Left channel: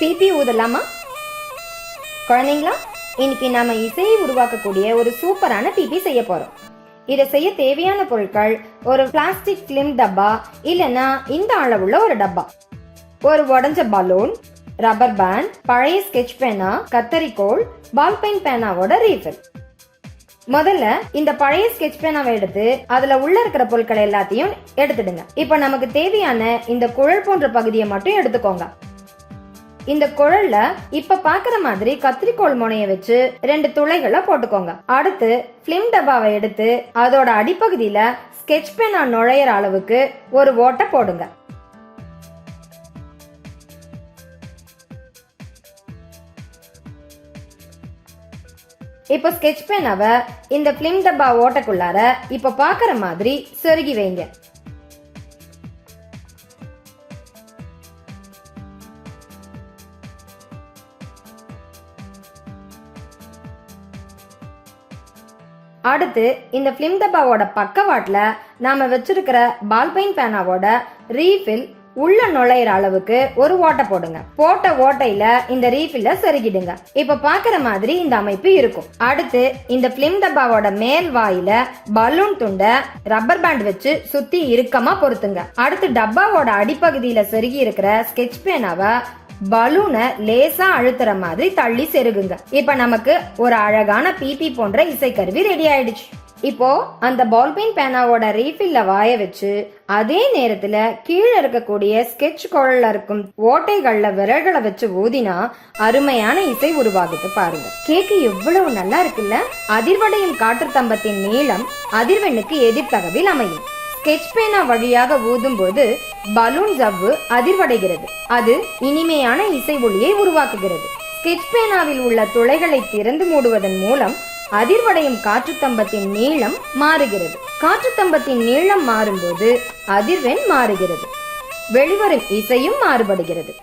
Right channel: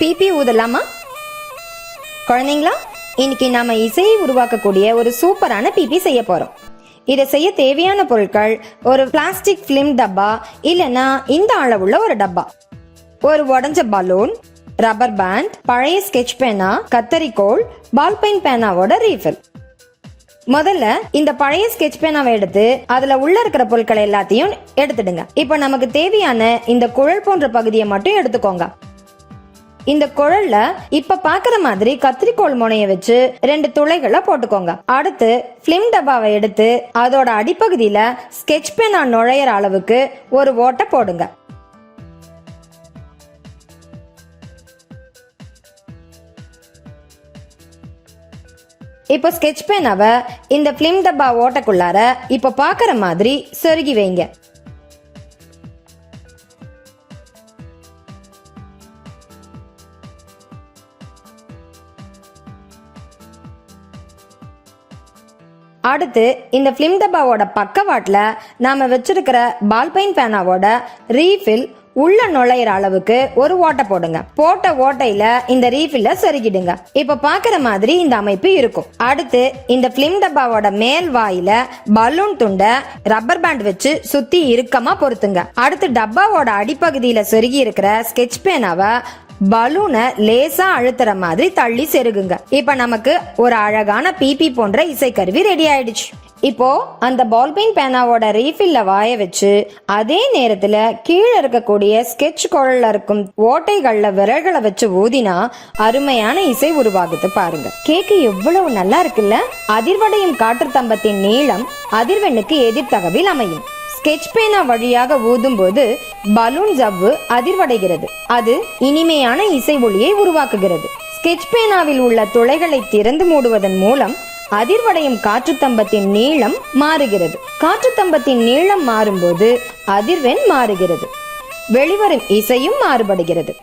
BP ஊதலாமா குழந்தைங்களா? இன்னைக்கு நாம இசையை உருவாக்கக்கூடிய ஒரு சூப்பரான பிபி செய்ய போறோம். இதை செய்ய தேவையான பொருட்கள் ஒரு பிளாஸ்டிக் பிலிம் டப்பா, இல்லைன்னா இந்த அளவுள்ள ஒரு டப்பா, ஒரு உடஞ்ச பலூன், ரப்பர் பேண்ட், பழைய ஸ்கெட்ச் பேனா, கத்தரிக்கோல், பால் பெயின் பேனாவோட ரீஃபில். முதல்ல இந்த பழைய ஸ்கெட்ச் பேனாவை எடுத்து அதுல உள்ள இருக்கிற பொருட்களை எல்லாத்தையும் எடுத்துடுங்க. இப்போ நமக்கு தேவையான இந்த குழல் போன்ற பகுதியை மட்டும் எடுத்துக்கோங்க. இந்த குழல்ல இப்ப பாக்குற மாதிரி கத்திரிக்கோள் முனைய வச்சு 2 துளைகளை போட்டுக்கோங்க. அடுத்து பிலிம் டப்பாவை எடுத்து அதோட அடிப்பகுதியில ஸ்கெட்ச் பேனா நுழையிற அளவுக்கு ஒரு ஓட்டை போடுங்க. இப்போ ஸ்கெட்ச் பேனாவை இந்த பிலிம் டப்பா ஓட்டக்குள்ளார இப்ப பாக்குற மாதிரி சொருகி வைங்க. அடுத்து இந்த பிலிம் டப்பாவோட பக்கவாட்டுல நாம வச்சிருக்கிற பால் பெயின் பேனாவோட ரீஃபில் உள்ள நுழையிற அளவுக்கு ஒரு ஓட்டை போடுங்க. போட்ட ஓட்டையில இந்த ரீஃபில்ல சொருகிடுங்க. இப்ப பாக்குற மாதிரி இந்த அமைப்பு இருக்கும். அடுத்து இந்த பிலிம் டப்பாவோட மேல் வாயில பலூன் துண்டை ரப்பர் பேண்ட் வச்சு சுத்தி இறுக்கமா பொருத்துங்க. அடுத்து டப்பாவோட அடிப்பகுதியில சொருகி இருக்கிற ஸ்கெட்ச் பேனாவை பலூனை லேசா அழுத்துற மாதிரி தள்ளி செருகுங்க. இப்ப நமக்கு ஒரு அழகான பிபி போன்ற இசைக்கருவி ரெடி ஆயிடுச்சு. இப்போ அந்த பால் பெயின் பேனாவோட ரீஃபில்ல வாய வச்சு அதே நேரத்துல கீழே இருக்கக்கூடிய ஸ்கெட்ச் குழல்ல இருக்கும் ஓட்டைகள்ல விரல்களை வச்சு ஊதினா அருமையான இசை உருவாகுது பாருங்க. கேக்கு எவ்வளவு நல்லா இருக்குல்ல. அதிர்வடையும் காற்று தம்பத்தின் நீளம் அதிர்வெண்ணுக்கு எதிர்த்தகவில் அமையும். ஸ்கெட்ச் பேனா வழியாக ஊதும் போது பலூன் ஜவ்வு அதிர்வடைகிறது. அது இனிமையான இசை ஒலியை உருவாக்குகிறது. ஸ்கெட்ச் பேனாவில் உள்ள துளைகளை திறந்து மூடுவதன் மூலம் அதிர்வடையும் காற்றுத்தம்பத்தின் நீளம் மாறுகிறது. காற்றுத்தம்பத்தின் நீளம் மாறும்போது அதிர்வெண் மாறுகிறது. வெளிவரும் இசையும் மாறுபடுகிறது.